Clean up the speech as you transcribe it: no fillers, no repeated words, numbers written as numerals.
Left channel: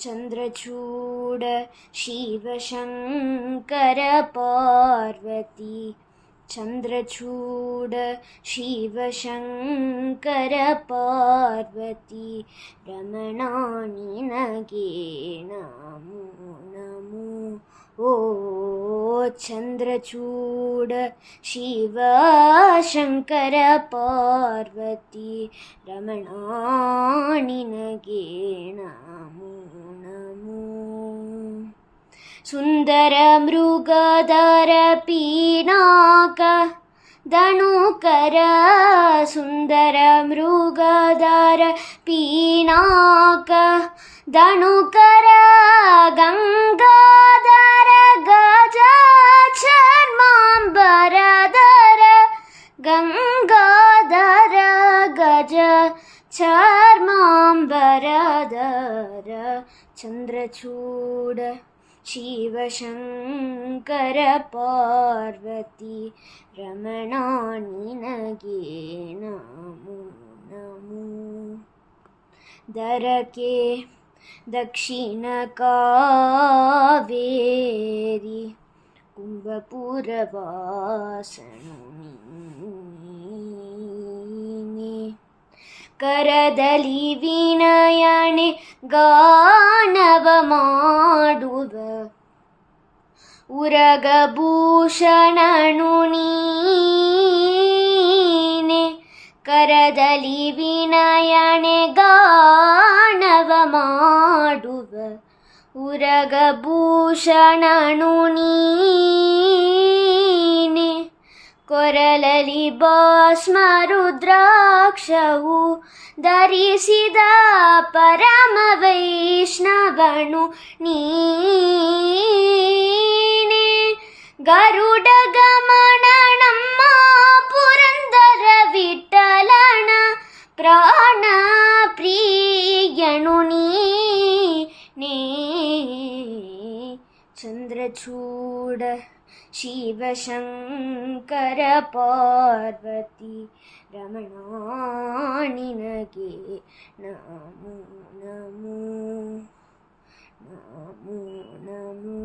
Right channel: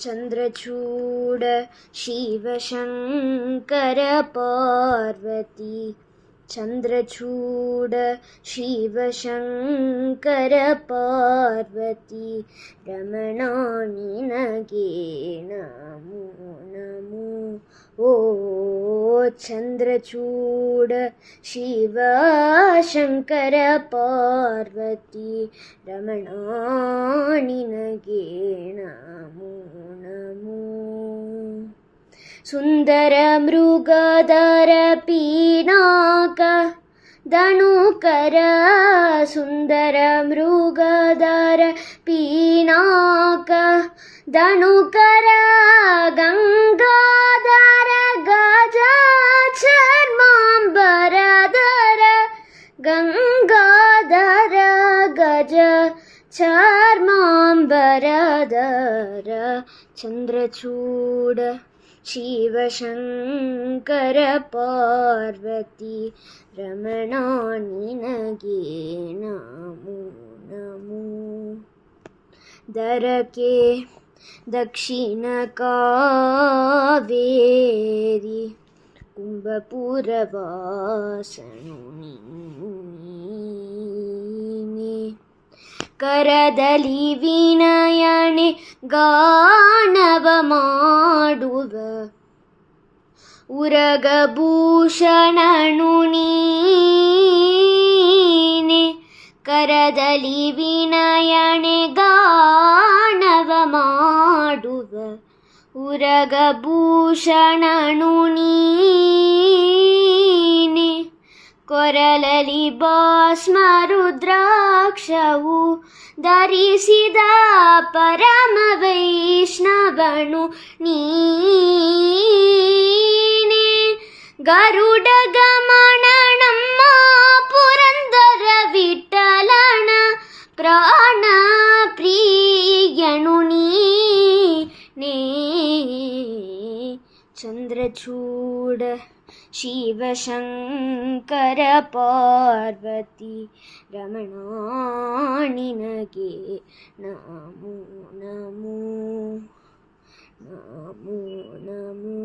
ಚಂದ್ರಚೂಡ ಶಿವಶಂಕರ ಪಾರ್ವತಿ ಚಂದ್ರಚೂಡ ಶಿವಶಂಕರ ಪಾರ್ವತಿ ರಮಣ ನಿನಗೆ ನಮೋ ನಮೋ ಓ ಚಂದ್ರಚೂಡ ಶಿವಶಂಕರ ಪಾರ್ವತಿ ರಮಣ ನಿನಗೆ ನಮೋ ನಮೋ ಸುಂದರ ಮೃಗಧರ ಪೀನಾಕ ದಣುಕರ ಸುಂದರ ಮೃಗಧರ ಪೀನಾಕ ದಣುಕರ ಗಂಗಾಧರ ಗಜ ಚರ್ಮಾಂಬರಧರ ಗಂಗಾಧರ ಗಜ ಚರ್ಮಾಂಬರಧರ ಚಂದ್ರಚೂಡ ಶಿವಶಂಕರ ಪಾರ್ವತಿ ರಮಣ ನಿನಗೆ ನಮೋ ನಮೋ ದರಕೆ ದಕ್ಷಿಣ ಕಾವೇರಿ ಕುಂಭಪುರವಾಸನು ನೀನೆ ಕರದಲ್ಲಿ ವಿನಯಣೆ ಗಾನವ ಮಾಡುವ ಉರಗಭೂಷಣನು ನೀನೆ ಕರದಲ್ಲಿ ವಿನಯಣೆ ಗಾನವ ಮಾಡುವ ಉರಗಭೂಷಣನು ನೀನೆ ಕೊರಳಲಿ ಭಸ್ಮ ರುದ್ರಾಕ್ಷವು ಧರಿಸಿದ ಪರಮ ವೈಷ್ಣವನು ನೀನೆ ಗರುಡ ಗಮನ ನಮ್ಮ ಪುರಂದರ ವಿಠಲನ ಪ್ರಾಣ ಪ್ರಿಯನು ನೀನೆ ಚಂದ್ರಚೂಡ ಶಿವಶಂಕರ ಪಾರ್ವತಿ ರಮಣ ನಿನಗೆ ನಮೋ ನಮೋ ನಮೋ ನಮೋ